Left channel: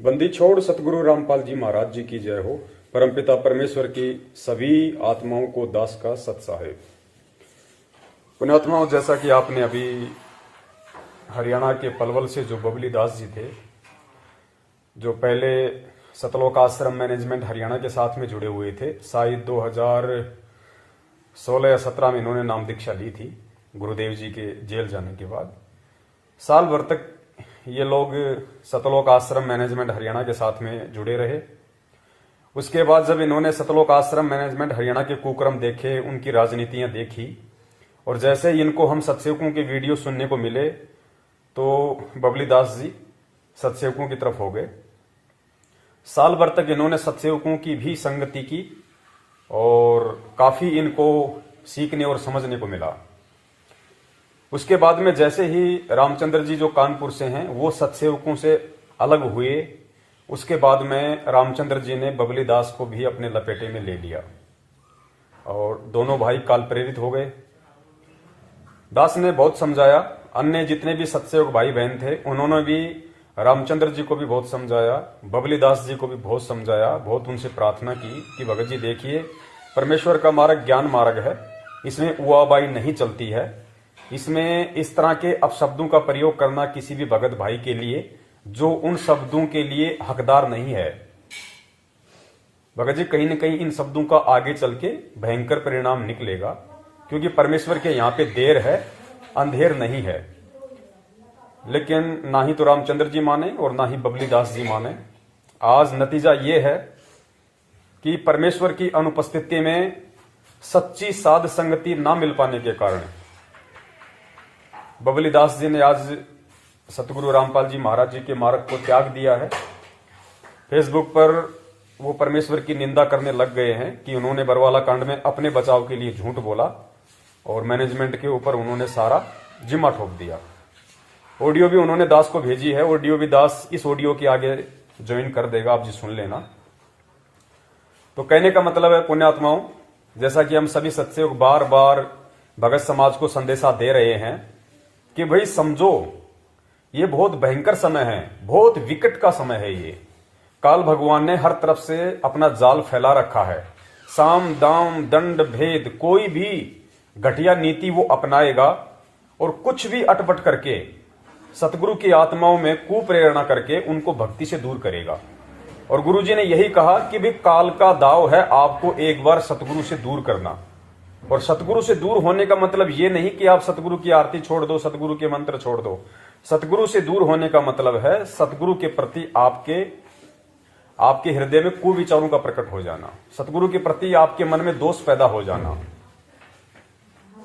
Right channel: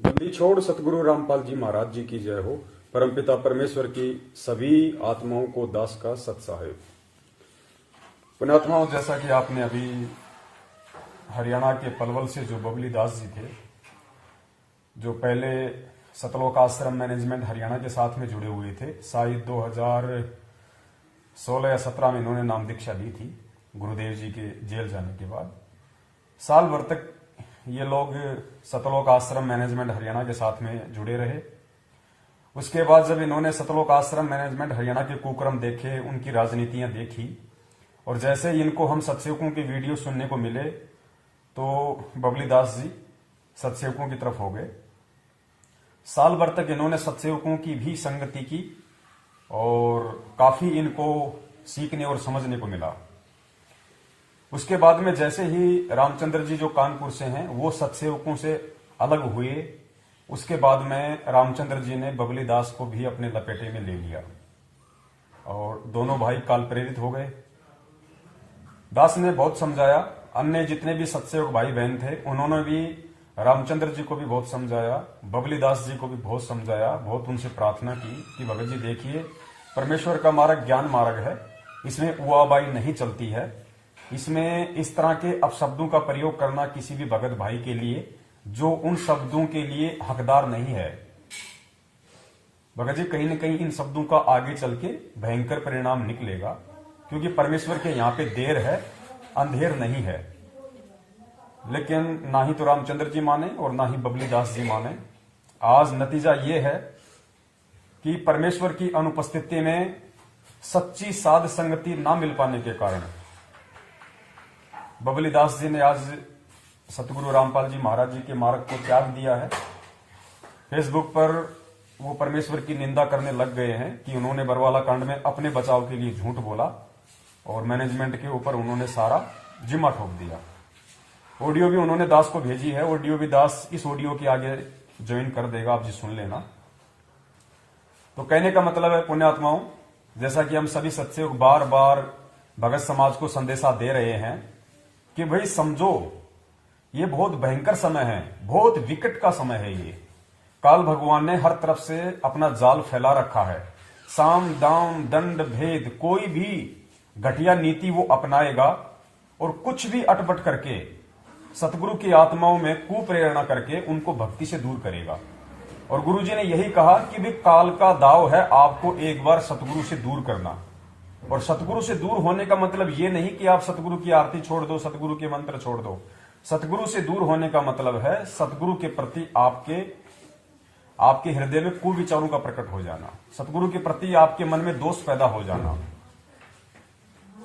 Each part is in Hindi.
बंदी छोड़ सतगुरु रामपाल जी महाराज जी की जय हो। परमपिता परमेश्वर की सभी आत्माओं को दास का सत साहेब। पुण्यात्माओं, जैसा कि आपने अभी हरियाणा के पलवल से जो बबली दास जी थे, जो पहले सतलोक आश्रम मैनेजमेंट हरियाणा के साथ में जुड़े हुए थे, शायद 2016 या 17 में इन्होंने नाम दीक्षा ली थी गुरुदेव जी के जेल जाने के बाद। साल भर तक ये लोग सतलोक आश्रम मैनेजमेंट हरियाणा के साथ में जुड़े रहे। उसके बाद जब इन्होंने सतलोक आश्रम मैनेजमेंट हरियाणा के कुक्रम देखे, उनकी राजनीतियां देखी, और जैसे ही इनको हम सत्सेवकों के वीडियो सुनने को मिले तो बबली दास जी सत्सेवकों की तरफ हो गए। साल भर तक इन्होंने सत्सेवकों की भी संगति की और काफी इनको सीखने और समझने को मिला। उसके बाद में जैसे ही रामचंद्र जी जो कानपुर से हैं वो सत्सेवकों से अलग हुए, उसके बाद में रामचंद्र जी ने बबली दास को भी अपने लपेटे में ले लिया और दोनों भाई काल प्रेरित हो गए। दास ने बहुत समझाया, अन्य जितने भी सत्सेवक भाई बहन थे उन्होंने भी रामचंद्र जी को भी बहुत समझाया, बबली दास जी को भी बहुत समझाया, बहुत उनसे प्रार्थना की कि भगत जी देखिए, परमेश्वर का मार्ग ज्ञान मार्ग है, इसमें उआबाई नहीं चलती है, इसमें इस तरह के अपशब्दों का प्रयोग करना किसी भी भगत भाई के लिए जो उन शब्दों के लिए हकदार नहीं है। भगत जी कहीं न कहीं इन शब्दों का आगे चल के भयंकर परिणाम निकलेगा, क्योंकि परमेश्वर के यहां पे देर है, अंधेर नहीं है। लेकिन ना ही तो रामचंद्र जी माने और ना ही बबली दास जी माने। आज नतीजा ये है कि परमेश्वर की अनुपस्थिति में सच्ची साध संगति ना मिल पाने के कारण बबली दास जी ने आज सतगुरु रामपाल जी महाराज जी के मार्ग को त्याग दिया है। फेसबुक पर वो परमेश्वर की निंदा करने लग गए हैं कि उन्होंने बरवाला कांड में अपने बचाव के लिए झूठ बोला और मैनेजमेंट के ऊपर उन्होंने सारा जिम्मा ठोक दिया। ऑडियो भी उन्होंने दास को भेजी है, ऑडियो भी दास इस ऑडियो के आगे ज्वाइन कर देगा, आप जी सुन लेना। तो कहने का मतलब है पुण्यात्माओं, जैसा कि हम सभी सत्सेवक बार बार भगत समाज को संदेशा दे रहे हैं कि भाई समझो, ये बहुत भयंकर समय है, बहुत विकट का समय है। ये काल भगवान ने हर तरफ से अपना जाल फैला रखा है। साम दाम दंड भेद कोई भी घटिया नीति वो अपनाएगा और कुछ भी अटपट करके सतगुरु की आत्माओं में कुप्रेरणा करके उनको भक्ति से दूर करेगा। और गुरु जी ने यही कहा कि भी काल का दाव है आपको एक बार सतगुरु से दूर करना। और सतगुरु से दूर होने का मतलब ये नहीं कि आप सतगुरु की आरती छोड़ दो, सतगुरु के मंत्र छोड़ दो। सतगुरु से दूर होने का मतलब है सतगुरु के प्रति आपके हृदय में कुविचारों का प्रकट हो जाना, सतगुरु के प्रति आपके मन में दोष पैदा हो जाना।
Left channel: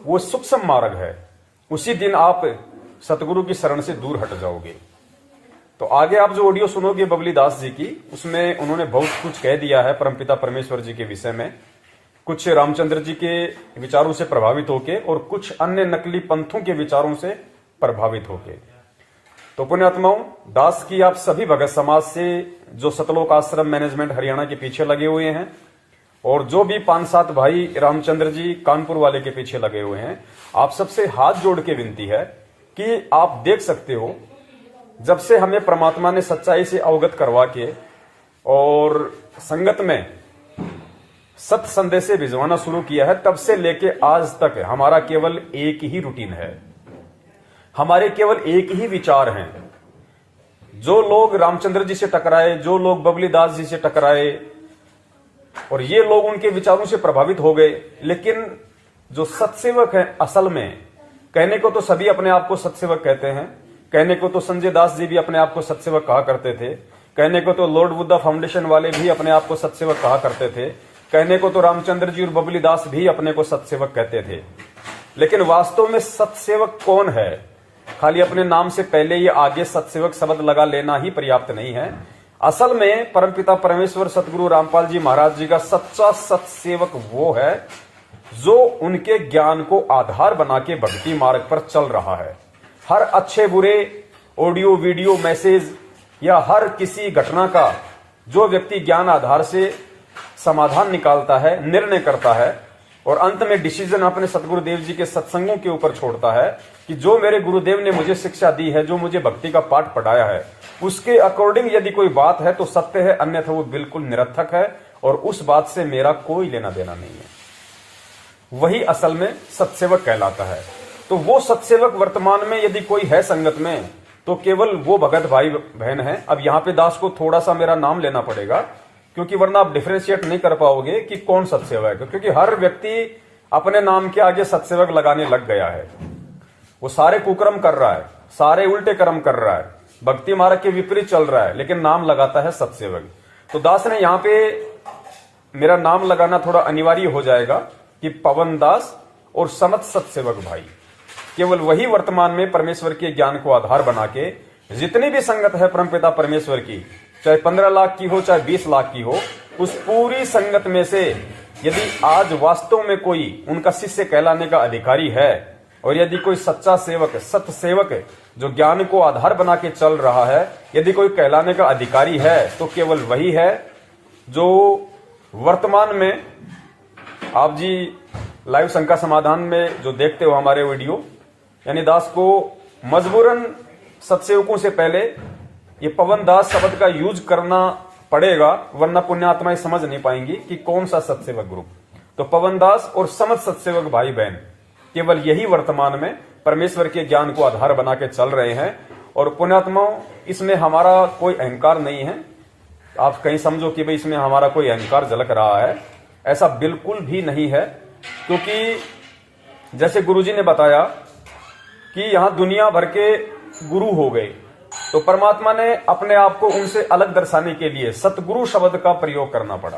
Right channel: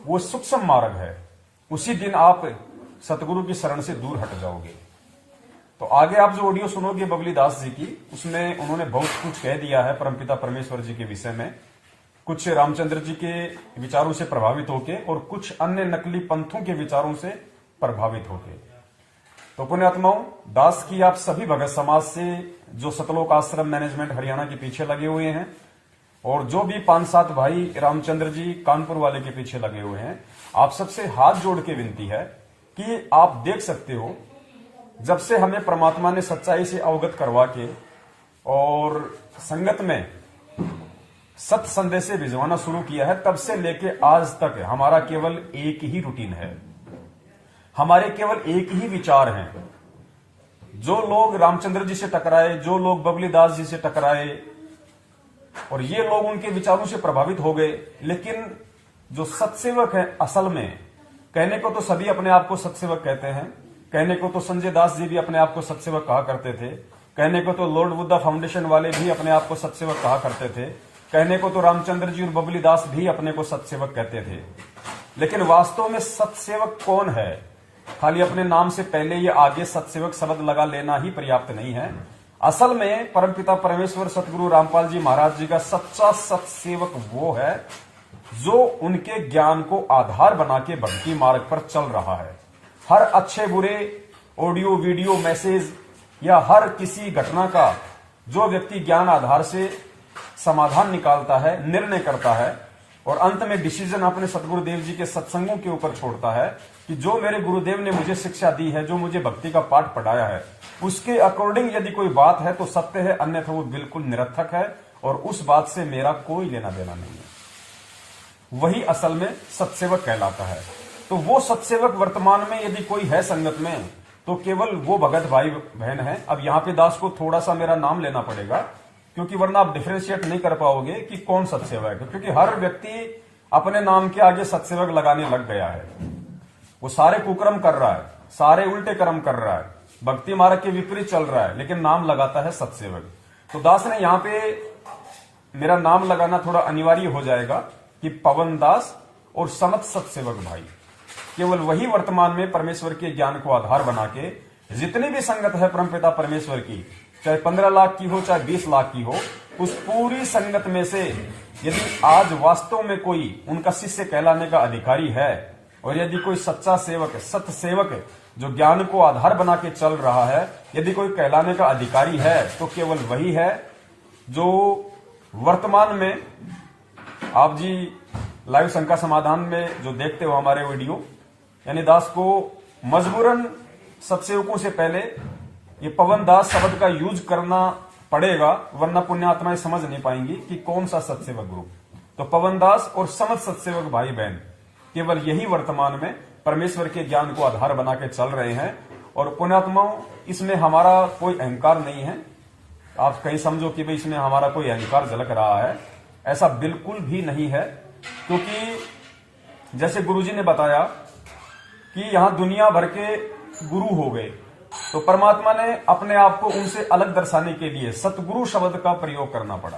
वो सूक्ष्म मार्ग है। उसी दिन आप सतगुरु की शरण से दूर हट जाओगे। तो आगे आप जो ऑडियो सुनोगे बबली दास जी की, उसमें उन्होंने बहुत कुछ कह दिया है परमपिता परमेश्वर जी के विषय में, कुछ रामचंद्र जी के विचारों से प्रभावित होके और कुछ अन्य नकली पंथों के विचारों से प्रभावित होके। तो पुण्यात्माओं, दास की आप सभी भगत समाज से जो सतलोक आश्रम मैनेजमेंट हरियाणा के पीछे लगे हुए हैं और जो भी 5-7 भाई रामचंद्र जी कानपुर वाले के पीछे लगे हुए हैं, आप सबसे हाथ जोड़ के विनती है कि आप देख सकते हो, जब से हमें परमात्मा ने सच्चाई से अवगत करवा के और संगत में सत्य संदेश भिजवाना शुरू किया है, तब से लेके आज तक हमारा केवल एक ही रूटीन है, हमारे केवल एक ही विचार हैं। जो लोग रामचंद्र जी से टकराए, जो लोग बबली दास जी से टकराए और ये लोग उनके विचारों से प्रभावित हो गए, लेकिन जो सत्सेवक है असल में, कहने को तो सभी अपने आप को सत्सेवक कहते हैं, कहने को तो संजय दास जी भी अपने आप को सत्सेवक कहा करते थे, कहने को तो लॉर्ड बुद्धा फाउंडेशन वाले भी अपने आप को सत्सेवक कहा करते थे, कहने को तो रामचंद्र जी और बबली दास भी अपने को सत्सेवक कहते थे। लेकिन वास्तव में सत्सेवक कौन है? खाली अपने नाम से पहले ये आगे सत्सेवक शब्द लगा लेना ही पर्याप्त नहीं है। असल में परमपिता परमेश्वर सतगुरु रामपाल जी महाराज जी का सच्चा सत्सेवक वो है जो उनके ज्ञान को आधार बना के भक्ति मार्ग पर चल रहा है। हर अच्छे बुरे ऑडियो वीडियो मैसेज या हर किसी घटना का जो व्यक्ति ज्ञान आधार से समाधान निकालता है, निर्णय करता है, और अंत में डिसीजन अपने सतगुरुदेव जी के सत्संगों के ऊपर छोड़ता है कि जो मेरे गुरुदेव ने मुझे शिक्षा दी है, जो मुझे भक्ति का पाठ पढ़ाया है, उसके अकॉर्डिंग यदि कोई बात है तो सत्य है, अन्यथा वो बिल्कुल निरर्थक है और उस बात से मेरा कोई लेना देना नहीं है। वही असल में सत्सेवक कहलाता है। तो वो सत्सेवक वर्तमान में यदि कोई है संगत में तो केवल वो भगत भाई बहन है। अब यहां पे दास को थोड़ा सा मेरा नाम लेना पड़ेगा, क्योंकि वरना आप डिफरेंशिएट नहीं कर पाओगे कि कौन सत्सेवक है, क्योंकि हर व्यक्ति अपने नाम के आगे सत्सेवक लगाने लग गया है। वो सारे कुकर्म कर रहा है, सारे उल्टे कर्म कर रहा है, भक्ति मार्ग के विपरीत चल रहा है, लेकिन नाम लगाता है सत्सेवक। तो दास ने यहां पे मेरा नाम लगाना थोड़ा अनिवार्य हो जाएगा कि पवन दास और समत सत्सेवक भाई, केवल वही वर्तमान में परमेश्वर के ज्ञान को आधार बना के जितनी भी संगत है परमपिता परमेश्वर की, चाहे 15 लाख की हो चाहे 20 लाख की हो, उस पूरी संगत में से यदि आज वास्तव में कोई उनका शिष्य कहलाने का अधिकारी है और यदि कोई सच्चा सेवक, सत्य सेवक जो ज्ञान को आधार बना के चल रहा है, यदि कोई कहलाने का अधिकारी है तो केवल वही है जो वर्तमान में आप जी लाइव शंका समाधान में जो देखते हो हमारे वीडियो, यानी दास को मजबूरन सत्सेवकों से पहले ये पवन दास शब्द का यूज करना पड़ेगा, वरना पुण्यात्माएं समझ नहीं पाएंगी कि कौन सा सत्सेवक ग्रुप। तो पवन दास और समझ सत्सेवक भाई बहन केवल यही वर्तमान में परमेश्वर के ज्ञान को आधार बना के चल रहे हैं। और पुण्यात्माओं, इसमें हमारा कोई अहंकार नहीं है। आप कहीं समझो कि भाई इसमें हमारा कोई अहंकार झलक रहा है, ऐसा बिल्कुल भी नहीं है। क्योंकि जैसे गुरुजी ने बताया कि यहां दुनिया भर के गुरु हो गए, तो परमात्मा ने अपने आप को उनसे अलग दर्शाने के लिए सतगुरु शब्द का प्रयोग करना पड़ा।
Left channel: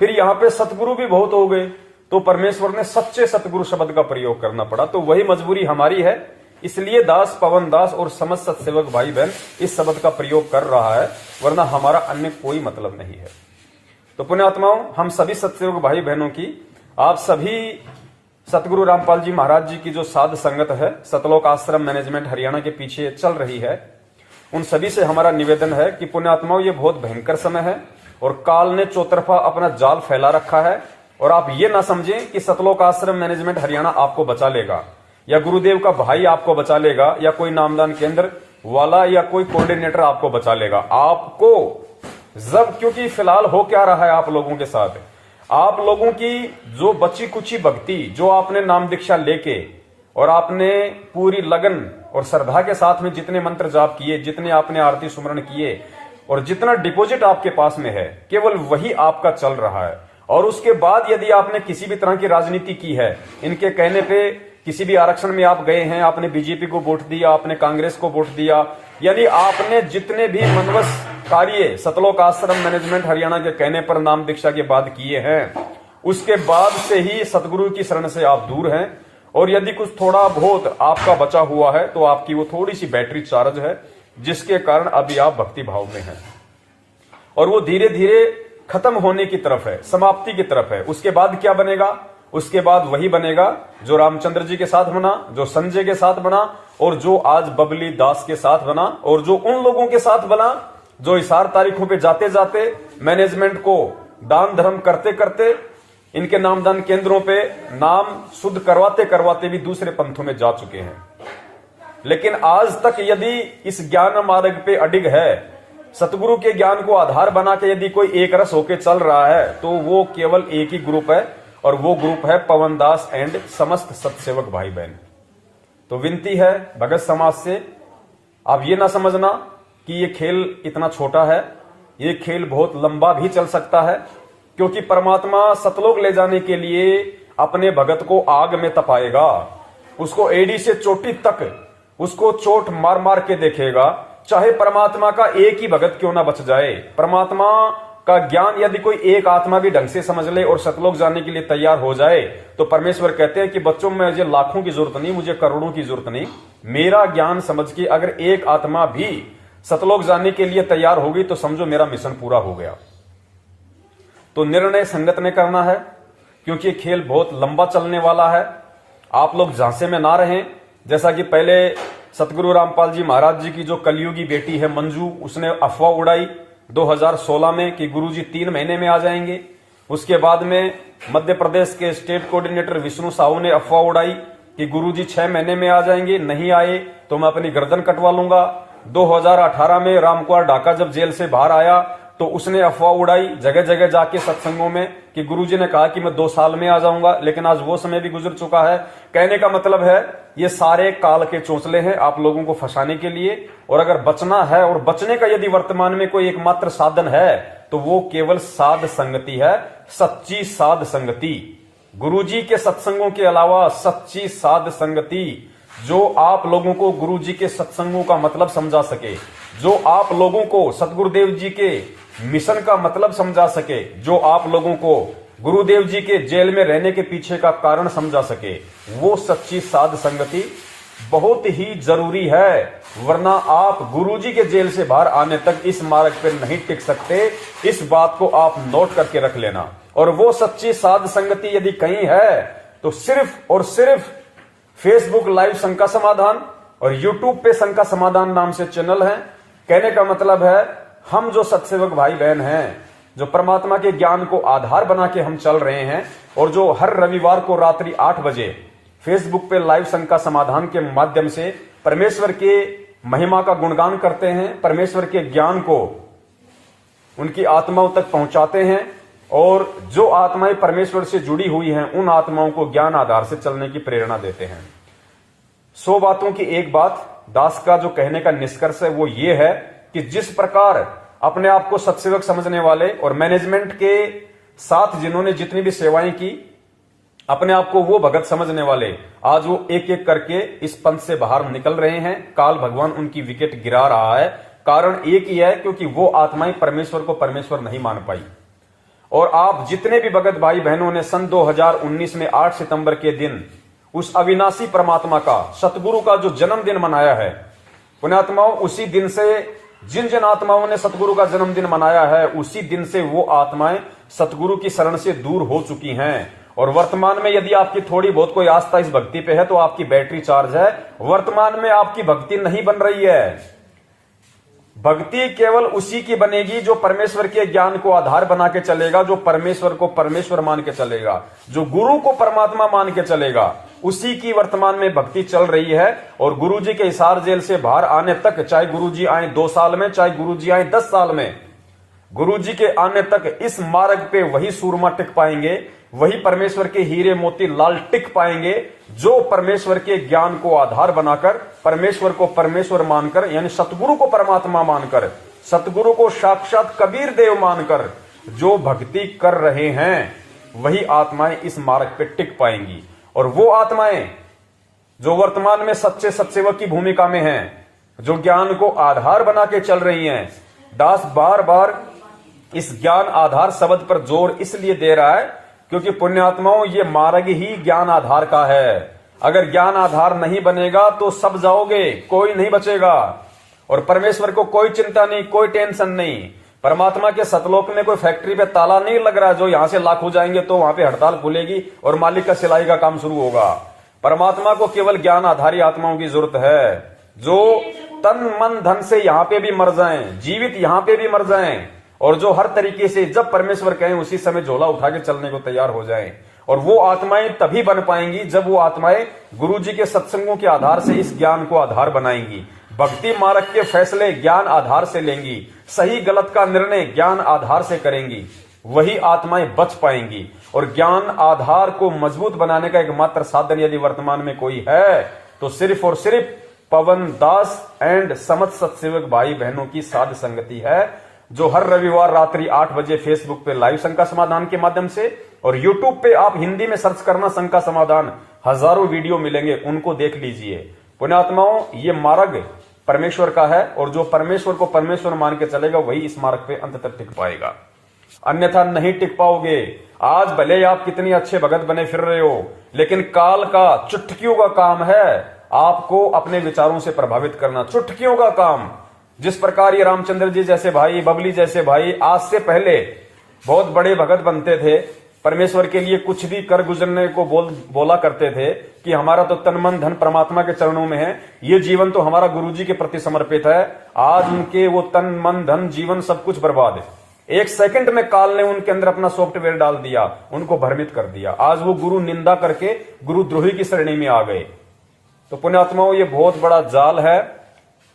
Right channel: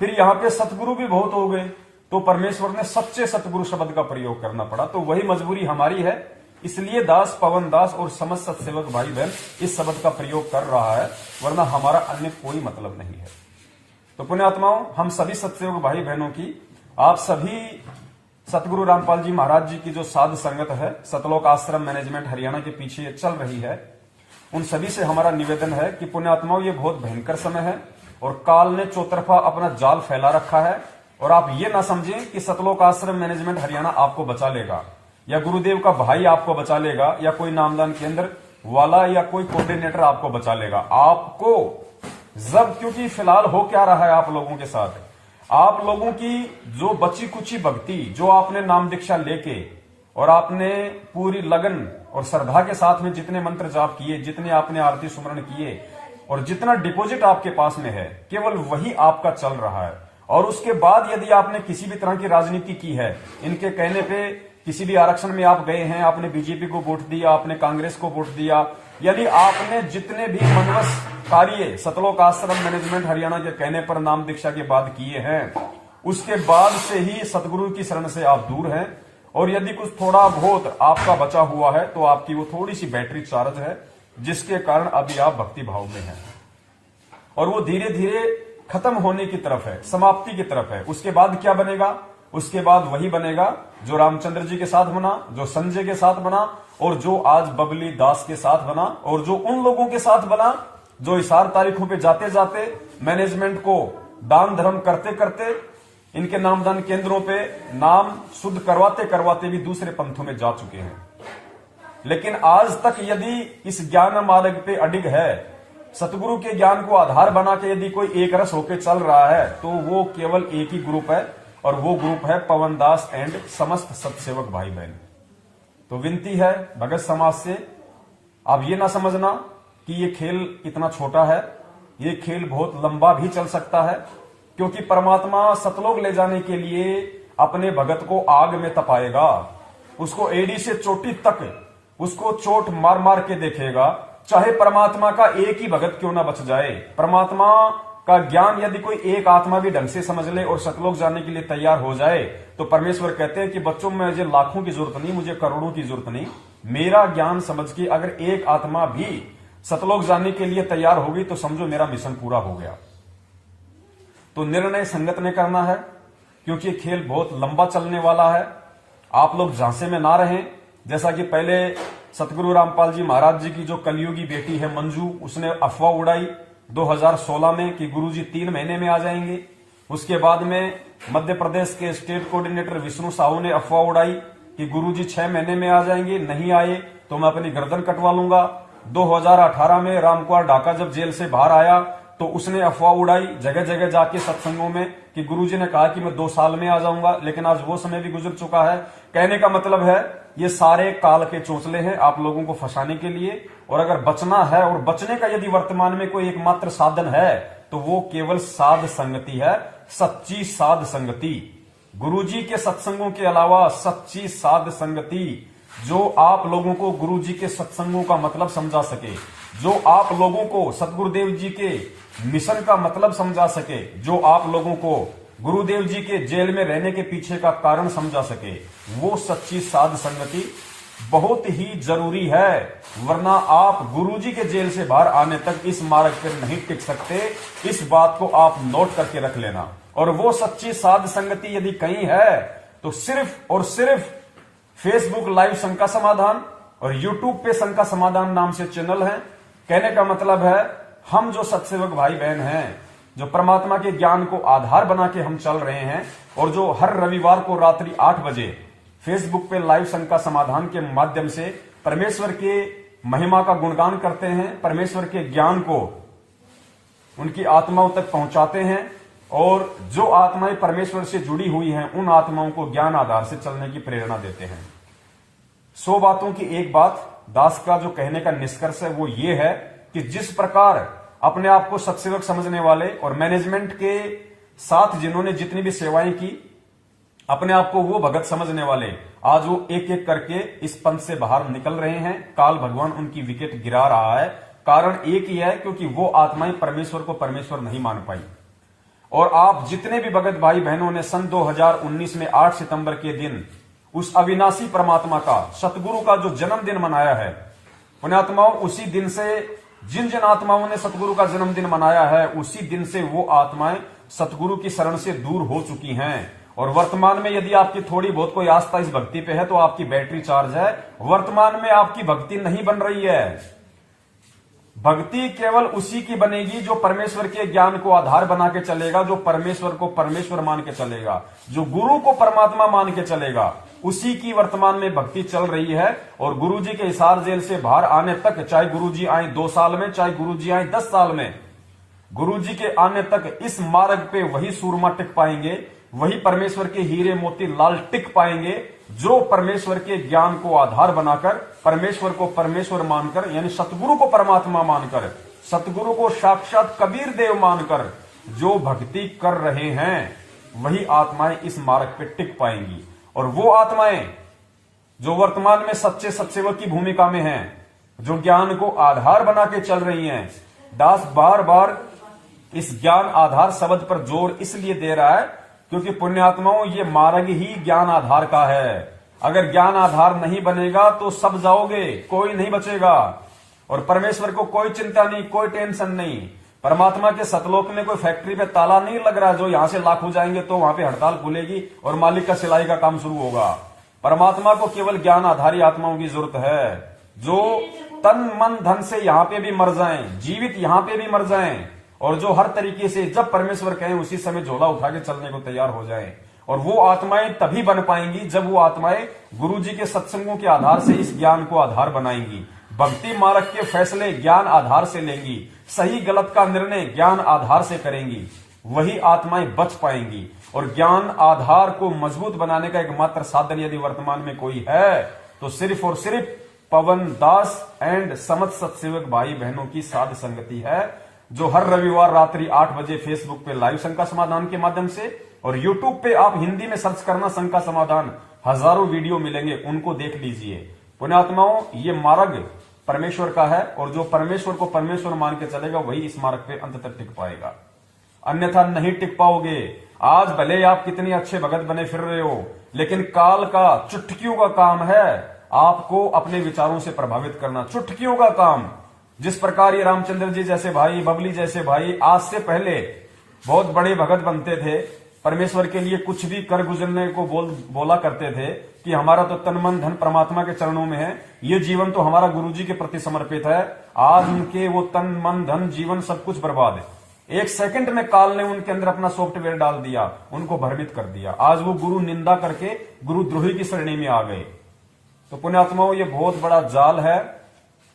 फिर यहां पे सतगुरु भी बहुत हो गए, तो परमेश्वर ने सच्चे सतगुरु शब्द का प्रयोग करना पड़ा। तो वही मजबूरी हमारी है, इसलिए दास, पवन दास और समझ सत्सेवक भाई बहन इस शब्द का प्रयोग कर रहा है, वरना हमारा अन्य कोई मतलब नहीं है। तो पुण्यात्माओं, हम सभी सत्सेवक भाई बहनों की, आप सभी सतगुरु रामपाल जी महाराज जी की जो साध संगत है, सतलोक आश्रम मैनेजमेंट हरियाणा के पीछे चल रही है, उन सभी से हमारा निवेदन है कि पुण्यात्माओं, ये बहुत भयंकर समय है और काल ने चौतरफा अपना जाल फैला रखा है। और आप ये ना समझें कि सतलोक आश्रम मैनेजमेंट हरियाणा आपको बचा लेगा, या गुरुदेव का भाई आपको बचा लेगा, या कोई नामदान केंद्र वाला या कोई कोऑर्डिनेटर आपको बचा लेगा। आपको जब, क्योंकि फिलहाल हो क्या रहा है आप लोगों के साथ, आप लोगों की जो बची कुची भक्ति, जो आपने नाम दीक्षा लेके और आपने पूरी लगन और श्रद्धा के साथ में जितने मंत्र जाप किए, जितने आपने आरती सुमरण किए और जितना डिपॉजिट आपके पास में है, केवल वही आपका चल रहा है। और उसके बाद यदि आपने किसी भी तरह की राजनीति की है, इनके कहने पे किसी भी आरक्षण में आप गए हैं, आपने बीजेपी को वोट दिया, आपने कांग्रेस को वोट दिया, यानी आपने जितने भी मनवस कार्य सतलोक आश्रम मैनेजमेंट हरियाणा के कहने पर नाम दीक्षा के बाद किए हैं, उसके बाद से ही सतगुरु की शरण से आप दूर हैं। और यदि कुछ थोड़ा बहुत आपका बचा हुआ है तो आपकी वो थोड़ी सी बैटरी चार्ज है, जिसके कारण अभी आप भक्ति भाव में हैं और वो धीरे धीरे खत्म होने की तरफ है, समाप्ति की तरफ है। उसके बाद क्या बनेगा? उसके बाद वही बनेगा जो रामचंद्र जी के साथ बना, जो संजय के साथ बना और जो आज बबली दास के साथ बना, और जो उन लोगों के साथ बना जो इशार तारीखों पे जाते जाते मैनेजमेंट को दान धर्म करते करते, इनके नामदान केंद्रों पे नाम शुद्ध करवाते करवाते भी दूसरे पंथों में जा चुके हैं। लेकिन आज तक यदि इस ज्ञान मार्ग पे अडिग है, सतगुरु के ज्ञान को आधार बना के यदि कोई एक रस होके चल रहा है, तो वो केवल एक ही ग्रुप है और वो ग्रुप है पवन दास एंड समस्त सत्सेवक भाई बहन। तो विनती है भगत समाज से, आप ये ना समझना कि ये खेल इतना छोटा है, ये खेल बहुत लंबा भी चल सकता है, क्योंकि परमात्मा सतलोक ले जाने के लिए अपने भगत को आग में तपाएगा, उसको एड़ी से चोटी तक उसको चोट मार मार के देखेगा, चाहे परमात्मा का एक ही भगत क्यों ना बच जाए। परमात्मा का ज्ञान यदि कोई एक आत्मा भी ढंग से समझ ले और सतलोक जाने के लिए तैयार हो जाए, तो परमेश्वर कहते हैं कि बच्चों में मुझे लाखों की जरूरत नहीं, मुझे करोड़ों की जरूरत नहीं, मेरा ज्ञान समझ के अगर एक आत्मा भी सतलोक जाने के लिए तैयार होगी तो समझो मेरा मिशन पूरा हो गया। तो निर्णय संगत ने करना है, क्योंकि खेल बहुत लंबा चलने वाला है। आप लोग झांसे में ना रहें, जैसा कि पहले सतगुरु रामपाल जी महाराज जी की जो कलयुगी बेटी है मंजू, उसने अफवाह उड़ाई 2016 में कि गुरुजी 3 महीने में आ जाएंगे। उसके बाद में मध्य प्रदेश के स्टेट कोऑर्डिनेटर विष्णु साहू ने अफवाह उड़ाई कि गुरुजी 6 महीने में आ जाएंगे, नहीं आए तो मैं अपनी गर्दन कटवा लूंगा। 2018 में रामकुमार ढाका जब जेल से बाहर आया तो उसने अफवाह उड़ाई जगह जगह जाके सत्संगों में कि गुरुजी ने कहा कि मैं 2 साल में आ जाऊंगा, लेकिन आज वो समय भी गुजर चुका है। कहने का मतलब है ये सारे काल के चोंचले हैं आप लोगों को फंसाने के लिए। और अगर बचना है और बचने का यदि वर्तमान में कोई एकमात्र साधन है तो वो केवल साध संगति है, सच्ची साध संगति। गुरुजी के सत्संगों के अलावा सच्ची साध संगति जो आप लोगों को गुरुजी के सत्संगों का मतलब समझा सके, जो आप लोगों को सतगुरुदेव जी के मिशन का मतलब समझा सके, जो आप लोगों को गुरुदेव जी के जेल में रहने के पीछे का कारण समझा सके, वो सच्ची साध संगति बहुत ही जरूरी है। वरना आप गुरुजी के जेल से बाहर आने तक इस मार्ग पर नहीं टिक सकते। इस बात को आप नोट करके रख लेना। और वो सच्ची साध संगति यदि कहीं है तो सिर्फ और सिर्फ फेसबुक लाइव शंका समाधान और यूट्यूब पे शंका समाधान नाम से चैनल है। कहने का मतलब है हम जो सत्सेवक भाई बहन हैं, जो परमात्मा के ज्ञान को आधार बना के हम चल रहे हैं और जो हर रविवार को रात्रि 8 बजे फेसबुक पे लाइव शंका समाधान के माध्यम से परमेश्वर के महिमा का गुणगान करते हैं, परमेश्वर के ज्ञान को उनकी आत्माओं तक पहुंचाते हैं और जो आत्माएं परमेश्वर से जुड़ी हुई हैं उन आत्माओं को ज्ञान आधार से चलने की प्रेरणा देते हैं। 100 बातों की एक बात, दास का जो कहने का निष्कर्ष है वो ये है कि जिस प्रकार अपने आप को सत्सेवक समझने वाले और मैनेजमेंट के साथ जिन्होंने जितनी भी सेवाएं की, अपने आप को वो भगत समझने वाले आज वो एक एक करके इस पंथ से बाहर निकल रहे हैं। काल भगवान उनकी विकेट गिरा रहा है। कारण एक ही है, क्योंकि वो आत्माएं परमेश्वर को परमेश्वर नहीं मान पाई। और आप जितने भी भगत भाई बहनों ने सन 2019 में 8 सितंबर के दिन उस अविनाशी परमात्मा का, सतगुरु का जो जन्मदिन मनाया है, पुण्यात्माओं, उसी दिन से जिन जिन आत्माओं ने सतगुरु का जन्मदिन मनाया है उसी दिन से वो आत्माएं सतगुरु की शरण से दूर हो चुकी हैं। और वर्तमान में यदि आपकी थोड़ी बहुत कोई आस्था इस भक्ति पे है तो आपकी बैटरी चार्ज है। वर्तमान में आपकी भक्ति नहीं बन रही है। भक्ति केवल उसी की बनेगी जो परमेश्वर के ज्ञान को आधार बना के चलेगा, जो परमेश्वर को परमेश्वर मान के चलेगा, जो गुरु को परमात्मा मान के चलेगा, उसी की वर्तमान में भक्ति चल रही है। और गुरुजी के हिसार जेल से बाहर आने तक, चाहे गुरुजी आए 2 साल में, चाहे गुरुजी आए 10 साल में, गुरुजी के आने तक इस मार्ग पे वही सूरमा टिक पाएंगे, वही परमेश्वर के हीरे मोती लाल टिक पाएंगे जो परमेश्वर के ज्ञान को आधार बनाकर, परमेश्वर को परमेश्वर मानकर, यानी सतगुरु को परमात्मा मानकर, सतगुरु को साक्षात कबीर देव मानकर जो भक्ति कर रहे हैं, वही आत्माएं इस मार्ग पे टिक पाएंगी। और वो आत्माएं जो वर्तमान में सच्चे सत्सेवक की भूमिका में हैं, जो ज्ञान को आधार बना के चल रही हैं, दास बार बार इस ज्ञान आधार शब्द पर जोर इसलिए दे रहा है क्योंकि पुण्यात्माओं ये मार्ग ही ज्ञान आधार का है। अगर ज्ञान आधार नहीं बनेगा तो सब जाओगे, कोई नहीं बचेगा। और परमेश्वर को कोई चिंता नहीं, कोई टेंशन नहीं। परमात्मा के सतलोक में कोई फैक्ट्री पे ताला नहीं लग रहा जो यहां से लाख हो जाएंगे तो वहां पे हड़ताल खुलेगी और मालिक का सिलाई का काम शुरू होगा। परमात्मा को केवल ज्ञान आधारी आत्माओं की जरूरत है जो तन मन धन से यहां पे भी मर जाएं, जीवित यहां पे भी मर जाएं, और जो हर तरीके से जब परमेश्वर कहें उसी समय झोला उठा के चलने को तैयार हो जाएं। और वो आत्माएं तभी बन पाएंगी जब वो आत्माएं गुरुजी के सत्संगों के आधार से इस ज्ञान को आधार बनाएंगी, भक्ति मार्ग के फैसले ज्ञान आधार से लेंगी, सही गलत का निर्णय ज्ञान आधार से करेंगी, वही आत्माएं बच पाएंगी। और ज्ञान आधार को मजबूत बनाने का एकमात्र साधन यदि वर्तमान में कोई है तो सिर्फ और सिर्फ पवन दास एंड समस्त सत्सेवक भाई बहनों की साध संगति है, जो हर रविवार रात्रि 8 बजे फेसबुक पे लाइव शंका समाधान के माध्यम से, और यूट्यूब पे आप हिंदी में सर्च करना शंका समाधान, हजारों वीडियो मिलेंगे, उनको देख लीजिए। पुण्यात्माओं, ये मार्ग परमेश्वर का है और जो परमेश्वर को परमेश्वर मान के चलेगा वही इस मार्ग पे अंत तक टिक पाएगा, अन्यथा नहीं टिक पाओगे। आज भले आप कितने अच्छे भगत बने फिर रहे हो, लेकिन काल का चुटकियों का काम है आपको अपने विचारों से प्रभावित करना, चुटकियों का काम। जिस प्रकार ये रामचंद्र जी जैसे भाई, बबली जैसे भाई आज से पहले बहुत बड़े भगत बनते थे, परमेश्वर के लिए कुछ भी कर गुजरने को बोला करते थे कि हमारा तो तन मन धन परमात्मा के चरणों में है, ये जीवन तो हमारा गुरुजी के प्रति समर्पित है। आज उनके वो तन मन धन जीवन सब कुछ बर्बाद है। एक सेकंड में काल ने उनके अंदर अपना सॉफ्टवेयर डाल दिया, उनको भ्रमित कर दिया। आज वो गुरु निंदा करके गुरुद्रोही की श्रेणी में आ गए। तो पुण्यात्माओं, ये बहुत बड़ा जाल है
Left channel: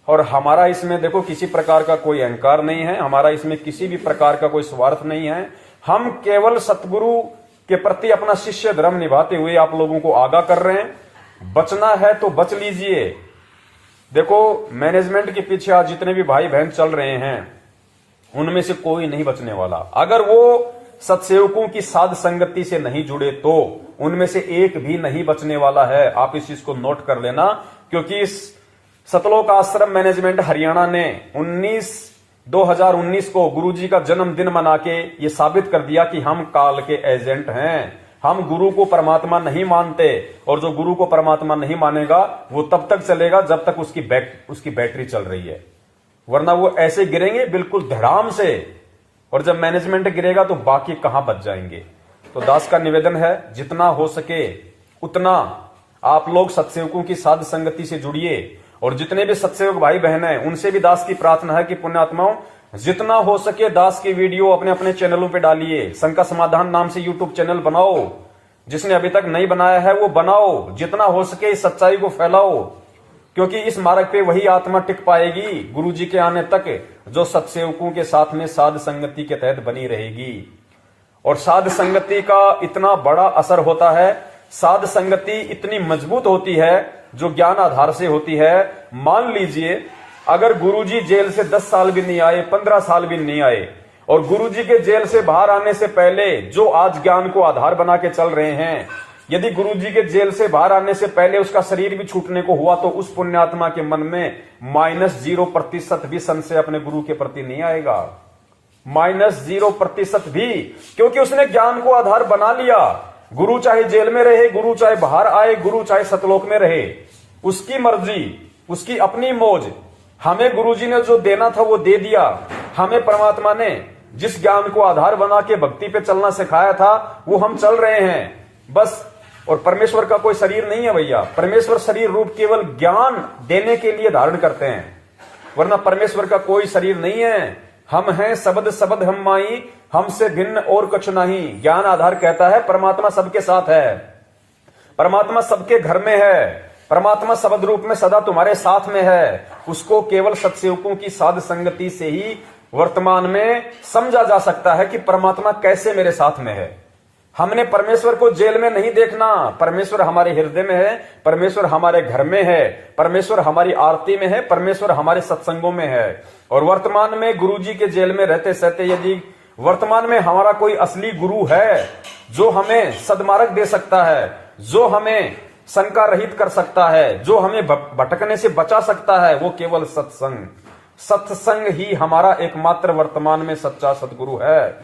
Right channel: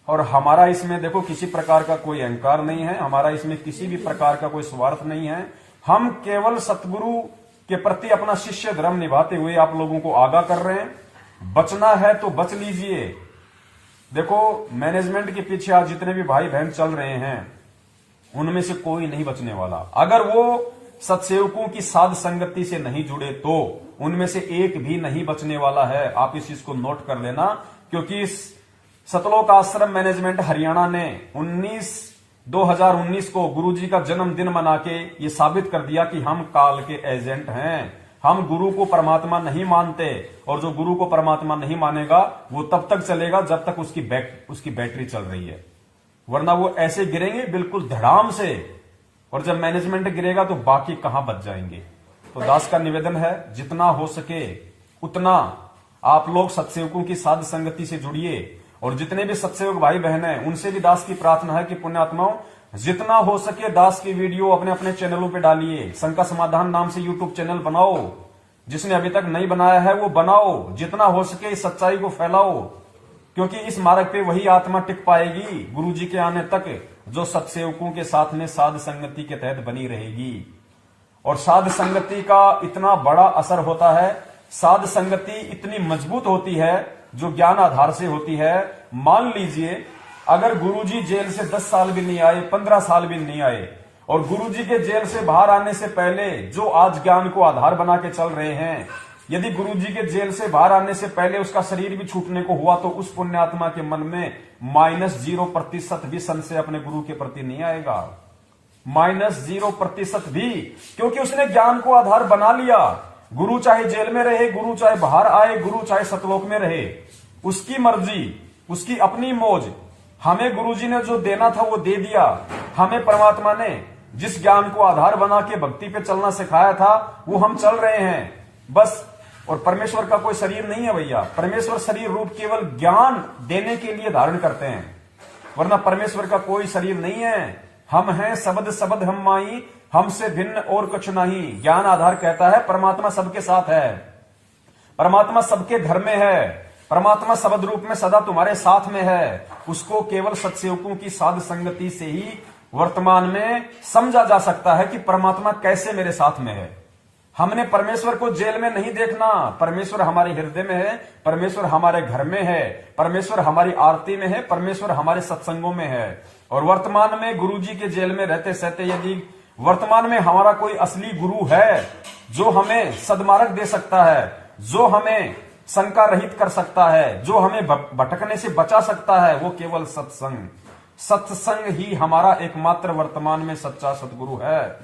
और हमारा इसमें देखो किसी प्रकार का कोई अहंकार नहीं है, हमारा इसमें किसी भी प्रकार का कोई स्वार्थ नहीं है। हम केवल सतगुरु के प्रति अपना शिष्य धर्म निभाते हुए आप लोगों को आगाह कर रहे हैं। बचना है तो बच लीजिए। देखो, मैनेजमेंट के पीछे आज जितने भी भाई बहन चल रहे हैं उनमें से कोई नहीं बचने वाला। अगर वो सत्सेवकों की साध संगति से नहीं जुड़े तो उनमें से एक भी नहीं बचने वाला है। आप इस चीज को नोट कर लेना, क्योंकि इस सतलोक आश्रम मैनेजमेंट हरियाणा ने 2019 को गुरुजी का जन्मदिन मना के ये साबित कर दिया कि हम काल के एजेंट हैं। हम गुरु को परमात्मा नहीं मानते, और जो गुरु को परमात्मा नहीं मानेगा वो तब तक चलेगा जब तक उसकी बैटरी चल रही है, वरना वो ऐसे गिरेंगे बिल्कुल धड़ाम से, और जब मैनेजमेंट गिरेगा तो बाकी कहां बच जाएंगे। तो दास का निवेदन है, जितना हो सके उतना आप लोग सत्सेवकों की साध संगति से जुड़िए, और जितने भी सत्सेवक भाई बहन हैं उनसे भी दास की प्रार्थना है कि पुण्यात्माओं, जितना हो सके दास की वीडियो अपने अपने चैनलों पे डालिए। शंका समाधान नाम से यूट्यूब चैनल बनाओ, जिसने अभी तक नहीं बनाया है वो बनाओ। जितना हो सके इस सच्चाई को फैलाओ, क्योंकि इस मार्ग पे वही आत्मा टिक पाएगी गुरु जी के आने तक जो सत्सेवकों के साथ में साध संगति के तहत बनी रहेगी। और साध संगति का इतना बड़ा असर होता है, साध संगति इतनी मजबूत होती है जो ज्ञान आधार से होती है। मान लीजिए अगर गुरुजी जेल से 10 साल भी नहीं आए, 15 साल भी नहीं आए, और गुरुजी के जेल से बाहर आने से पहले जो आज ज्ञान को आधार बना के चल रहे हैं, यदि गुरुजी के जेल से बाहर आने से पहले उसका शरीर भी छूटने को हुआ तो उस पुण्यात्मा के मन में -0% भी संशय अपने गुरु के प्रति नहीं आएगा। -0% भी, क्योंकि उसने ज्ञान को आधार बना लिया। गुरु चाहे जेल में रहे, गुरु चाहे बाहर आए, गुरु चाहे सतलोक में रहे, उसकी मर्जी, उसकी अपनी मौज। हमें गुरुजी ने जो देना था वो दे दिया। हमें परमात्मा ने जिस ज्ञान को आधार बना के भक्ति पे चलना सिखाया था वो हम चल रहे हैं बस। और परमेश्वर का कोई शरीर नहीं है भैया। परमेश्वर शरीर रूप केवल ज्ञान देने के लिए धारण करते हैं, वरना परमेश्वर का कोई शरीर नहीं है। हम हैं शब्द शब्द हम माई, हमसे भिन्न और कुछ नहीं। ज्ञान आधार कहता है परमात्मा सबके साथ है, परमात्मा सबके घर में है, परमात्मा शब्द रूप में सदा तुम्हारे साथ में है। उसको केवल सत्सेवकों की साध संगति से ही वर्तमान में समझा जा सकता है कि परमात्मा कैसे मेरे साथ में है। हमने परमेश्वर को जेल में नहीं देखना, परमेश्वर हमारे हृदय में है, परमेश्वर हमारे घर में है, परमेश्वर हमारी आरती में है, परमेश्वर हमारे सत्संगों में है। और वर्तमान में गुरुजी के जेल में रहते सहते यदि वर्तमान में हमारा कोई असली गुरु है जो हमें सदमार्ग दे सकता है, जो हमें शंका रहित कर सकता है, जो हमें भटकने से बचा सकता है, वो केवल सत्संग। सत्संग ही हमारा एकमात्र वर्तमान में सच्चा सदगुरु है।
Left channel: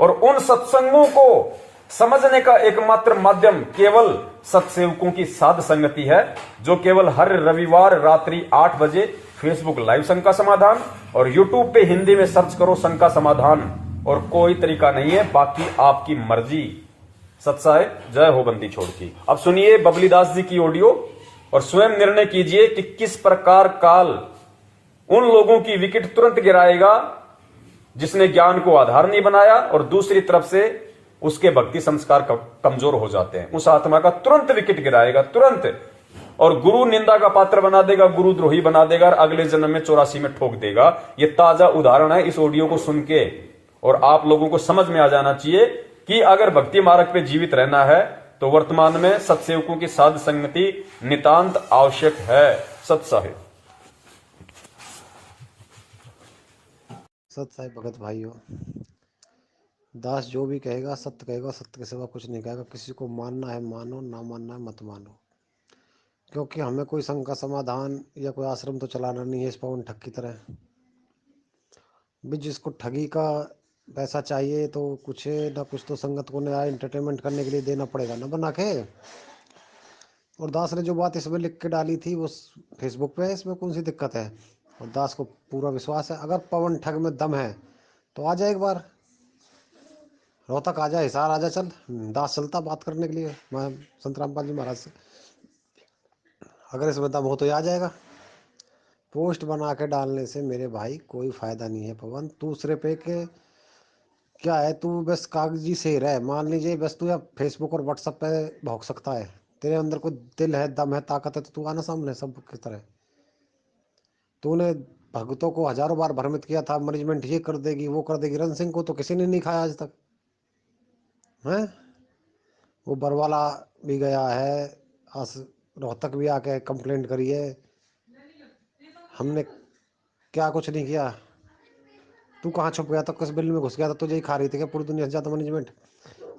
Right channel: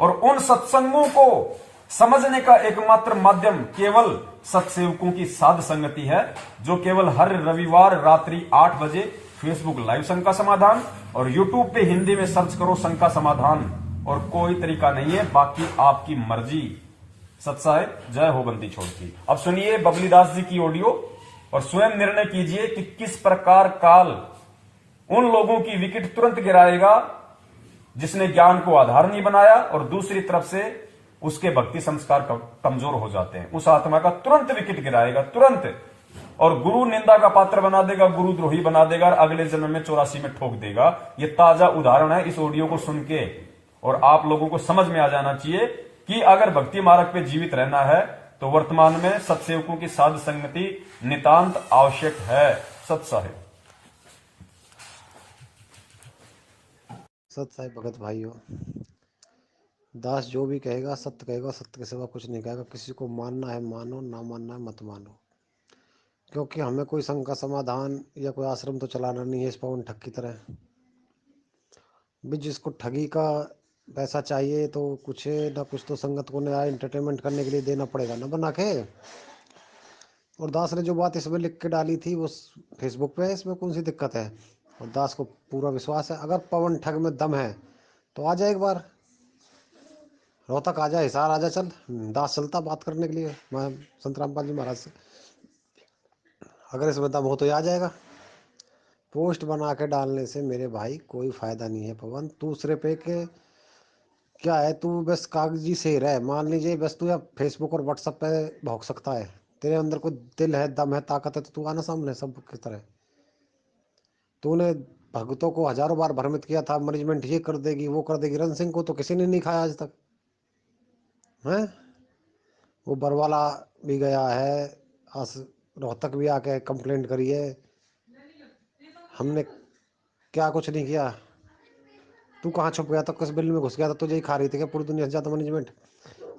और उन सत्संगों को समझने का एकमात्र माध्यम केवल सत्सेवकों की साध संगति है, जो केवल हर रविवार रात्रि 8 बजे फेसबुक लाइव शंका समाधान और यूट्यूब पे हिंदी में सर्च करो शंका समाधान, और कोई तरीका नहीं है, बाकी आपकी मर्जी। सत्साय जय हो बंदी छोड़ की। अब सुनिए बबली दास जी की ऑडियो और स्वयं निर्णय कीजिए कि किस प्रकार काल उन लोगों की विकेट तुरंत गिराएगा जिसने ज्ञान को आधार नहीं बनाया, और दूसरी तरफ से उसके भक्ति संस्कार कमजोर हो जाते हैं। उस आत्मा का तुरंत विकेट गिराएगा, तुरंत, और गुरु निंदा का पात्र बना देगा, गुरु द्रोही बना देगा, और अगले जन्म में 84 में ठोक देगा। ये ताजा उदाहरण है इस ऑडियो को सुन के। और आप लोगों को समझ में आ जाना चाहिए कि अगर भक्ति मार्ग पे जीवित रहना है तो वर्तमान में सत्सेवकों की साध संगति नितांत आवश्यक है। सत्साहिब सत साहिब भगत भाइयों, दास जो भी कहेगा सत्य कहेगा, सत्य के सिवा कुछ नहीं कहेगा। किसी को मानना है मानो, ना मानना है मत मानो, क्योंकि हमें कोई शंका समाधान या कोई आश्रम तो चलाना नहीं है इस पवन ठग की तरह भी। जिसको ठगी का पैसा चाहिए तो कुछ ना कुछ तो संगत को नया एंटरटेनमेंट करने के लिए देना पड़ेगा ना बना के। और दास ने जो बात इसमें लिख के डाली थी वो फेसबुक पे है, इसमें कौन सी दिक्कत है। और दास को पूरा विश्वास है, अगर पवन ठग में दम है तो आ जाए, एक बार रोहतक आ जा, हिसार आ जा, चल दास चलता बात करने के लिए मैं संत रामपाल जी महाराज से। अगर इसमें दम हो तो आ जाएगा। पोस्ट बना के डालने से मेरे भाई कोई फायदा नहीं है पवन। दूसरे पे के क्या है, तू बस कागजी से रह, मान लीजिए बस तू या फेसबुक और व्हाट्सएप पे भौंक सकता है, तेरे अंदर कोई दिल है, दम है, ताकत है, तो तू आना सामने सब की तरह। तूने भगतों को हजारों बार भ्रमित किया था, मैनेजमेंट ये कर देगी वो कर देगी, रण सिंह को तो किसी ने नहीं खाया आज तक है। वो बरवाला भी गया है, आस रोहतक भी आके कंप्लेंट करी है, हमने क्या कुछ नहीं किया। तू कहाँ छुप गया था, किस बिल में घुस गया था, तुझे ही खा रही थी क्या पूरी दुनिया से ज्यादा मैनेजमेंट?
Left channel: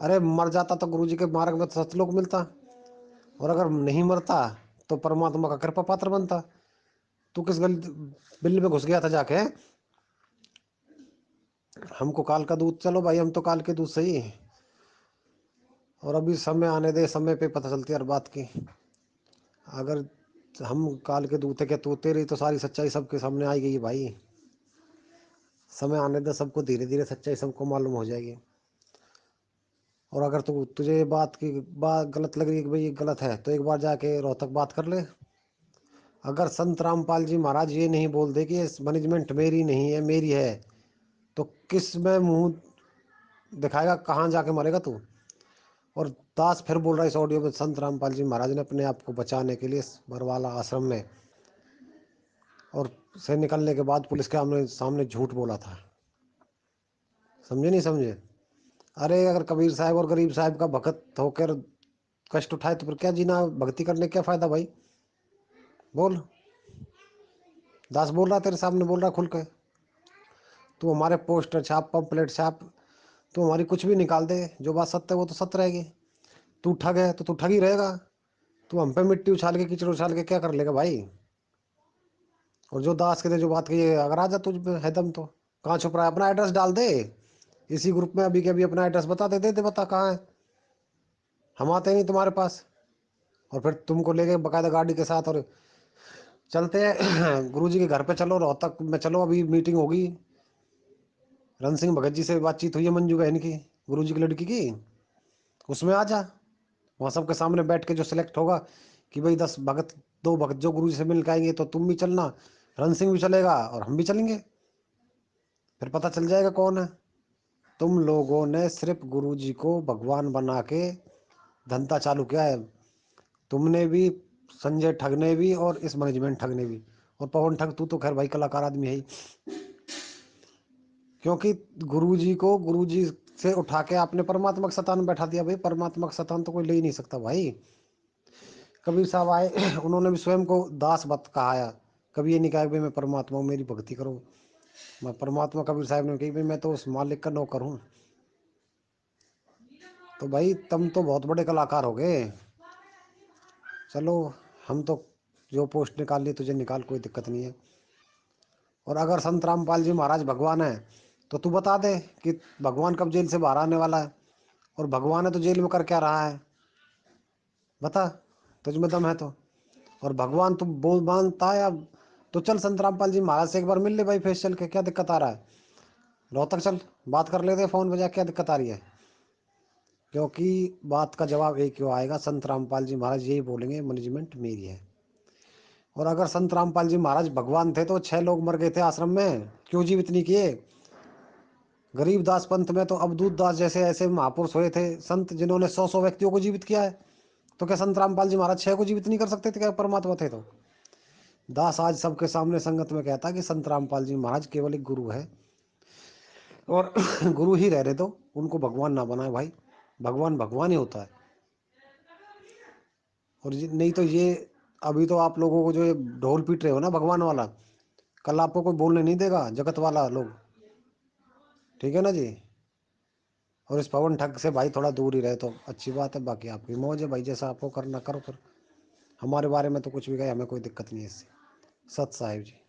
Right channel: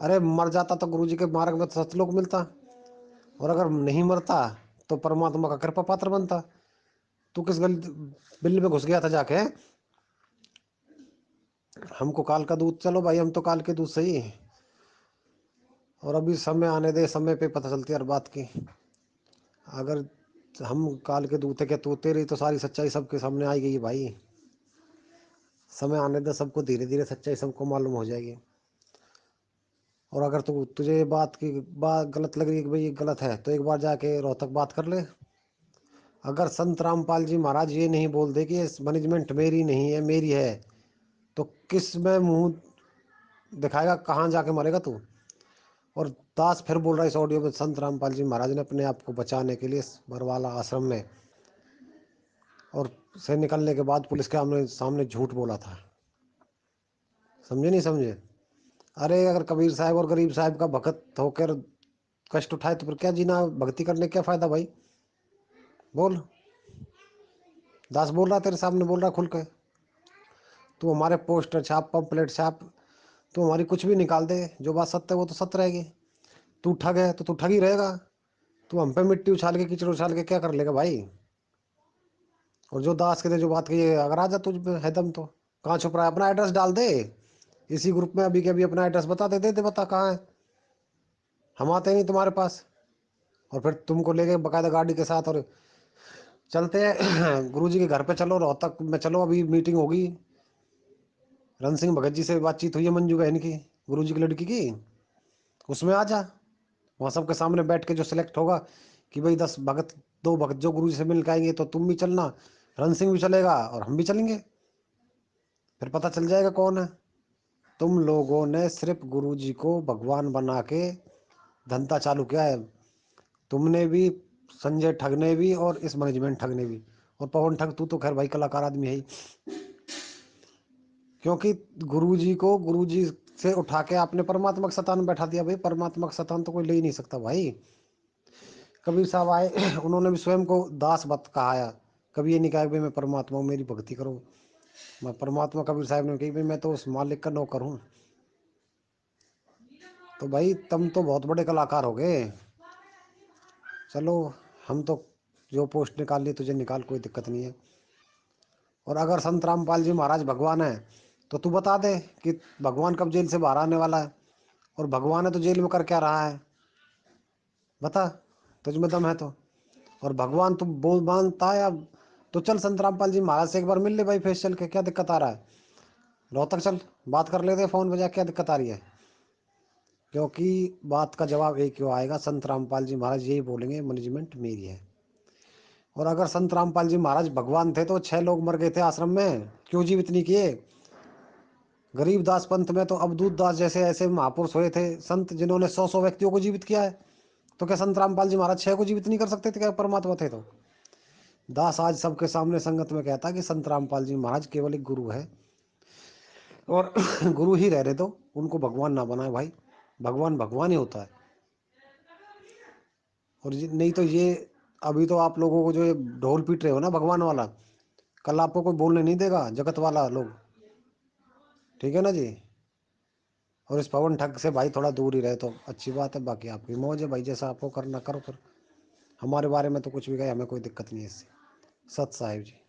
अरे मर जाता तो गुरुजी के मार्ग में तो सतलोक मिलता, और अगर नहीं मरता तो परमात्मा का कृपा पात्र बनता। तू किस गल बिल में घुस गया था जाके? हमको काल का दूध, चलो भाई हम तो काल के दूध सही। और अभी समय आने दे, समय पे पता चलती है हर बात की। अगर हम काल के दूत है क्या, तो तेरी तो सारी सच्चाई सबके सामने आई गई है भाई। समय आने दे, सबको धीरे धीरे सच्चाई सबको मालूम हो जाएगी। और अगर तुझे ये बात की बात गलत लग रही है कि भाई ये गलत है, तो एक बार जाके रोहतक बात कर ले। अगर संत रामपाल जी महाराज ये नहीं बोल दे कि ये मैनेजमेंट मेरी नहीं है मेरी है, तो किस में मुंह दिखाएगा, कहाँ जाके मरेगा तू? और दास फिर बोल रहा है इस ऑडियो में, संत रामपाल जी महाराज ने अपने आप को बचाने के लिए इस बरवाला आश्रम में और से निकलने के बाद पुलिस के सामने सामने झूठ बोला था। समझे नहीं समझे? अरे अगर कबीर साहब और गरीब साहब का भगत होकर कष्ट उठाए तो फिर क्या जीना, भक्ति करने क्या फायदा भाई? बोल। दास बोल रहा तेरे सामने, बोल रहा खुल के। तू हमारे पोस्टर छाप, पंपलेट छाप, तू हमारी कुछ भी निकाल दे, जो बात सत्य है वो तो सत्य रहेगी। तू ठग है तो तू ठग ही रहेगा। तू हम पे मिट्टी उछाल के, कीचड़ उछाल के क्या कर लेगा भाई? और जो दास के थे जो बात कही है, अगर आ जा तुझ पे है दम तो कहाँ छुप रहा है? अपना एड्रेस डाल दे इसी ग्रुप में अभी के अभी, अपना एड्रेस बता दे बता कहाँ है। हम आते नहीं तुम्हारे पास, और फिर तुमको लेके बकायदा गाड़ी के साथ और चलते हैं गुरुजी के घर पे। चलो रोहतक में चलो, अभी मीटिंग होगी, रण सिंह भगत जी से बातचीत हुई है मंजू बहन की, गुरुजी की लड़की की, उसमें आ जा। वहाँ सबके सामने बैठ के जो सिलेक्ट होगा कि भाई 10 भगत, 2 भगत जो गुरुजी से मिल के आएंगे, तो तुम भी चलना, रण सिंह भी चलेगा और हम भी चलेंगे, फिर पता चल जाएगा कौन है। तुम लोगों ने सिर्फ गुरुजी को भगवान बना के धंधा चालू किया है। तुमने भी, संजय ठग ने भी, और इस मैनेजमेंट ठग ने भी। और पवन ठग तू तो खैर भाई कलाकार आदमी है ही, क्योंकि गुरुजी को गुरुजी से उठा के आपने परमात्मा का शतान बैठा दिया। भाई परमात्मा का शतान तो कोई ले ही नहीं सकता भाई। कबीर साहब आए उन्होंने भी स्वयं को दास बत कहा है, कभी ये नहीं कहा कि भाई मैं परमात्मा हूँ मेरी भक्ति करो, मैं परमात्मा। कबीर साहब ने कही भाई मैं तो उस मालिक का नौकर हूँ। तो भाई तुम तो बहुत बड़े कलाकार हो गए। चलो, हम तो जो पोस्ट निकाल ली तुझे निकाल, कोई दिक्कत नहीं है। और अगर संत रामपाल जी महाराज भगवान है, तो तू बता दे कि भगवान कब जेल से बाहर आने वाला है, और भगवान है तो जेल में कर क्या रहा है? बता, तुझ में दम है तो। और भगवान तू बोल मानता है अब, तो चल संत रामपाल जी महाराज से एक बार मिल ले भाई, फेस चल के, क्या दिक्कत आ रहा है? रोहतक चल, बात कर लेते फोन बजा, क्या दिक्कत आ रही है? क्योंकि बात का जवाब एक क्यों आएगा, संत रामपाल जी महाराज यही बोलेंगे मैनेजमेंट मेरी है। और अगर संत रामपाल जी महाराज भगवान थे तो 6 लोग मर गए थे आश्रम में, क्यों जीवित नहीं किए? गरीब दास पंथ में तो अवधूत दास जैसे ऐसे महापुरुष हुए थे संत, जिन्होंने 100 व्यक्तियों को जीवित किया है। तो क्या संत रामपाल जी महाराज 6 को जीवित नहीं कर सकते थे क्या, परमात्मा थे तो? दास आज सबके सामने संगत में कहता कि संत रामपाल जी महाराज केवल एक गुरु है, और गुरु ही रह रहे तो उनको भगवान ना बनाए भाई। भगवान भगवान ही होता है। और नहीं तो ये, अभी तो आप लोगों को जो ये ढोल पीट रहे हो ना भगवान वाला, कल आपको कोई बोलने नहीं देगा जगत वाला लोग। ठीक है ना जी? और इस पवन ठग से भाई थोड़ा दूर ही रहे तो अच्छी बात है, बाकी आपकी मौज है भाई, जैसा आपको करना करो। फिर हमारे बारे में तो कुछ भी कहे, हमें कोई दिक्कत नहीं है इससे। सत साहिब जी।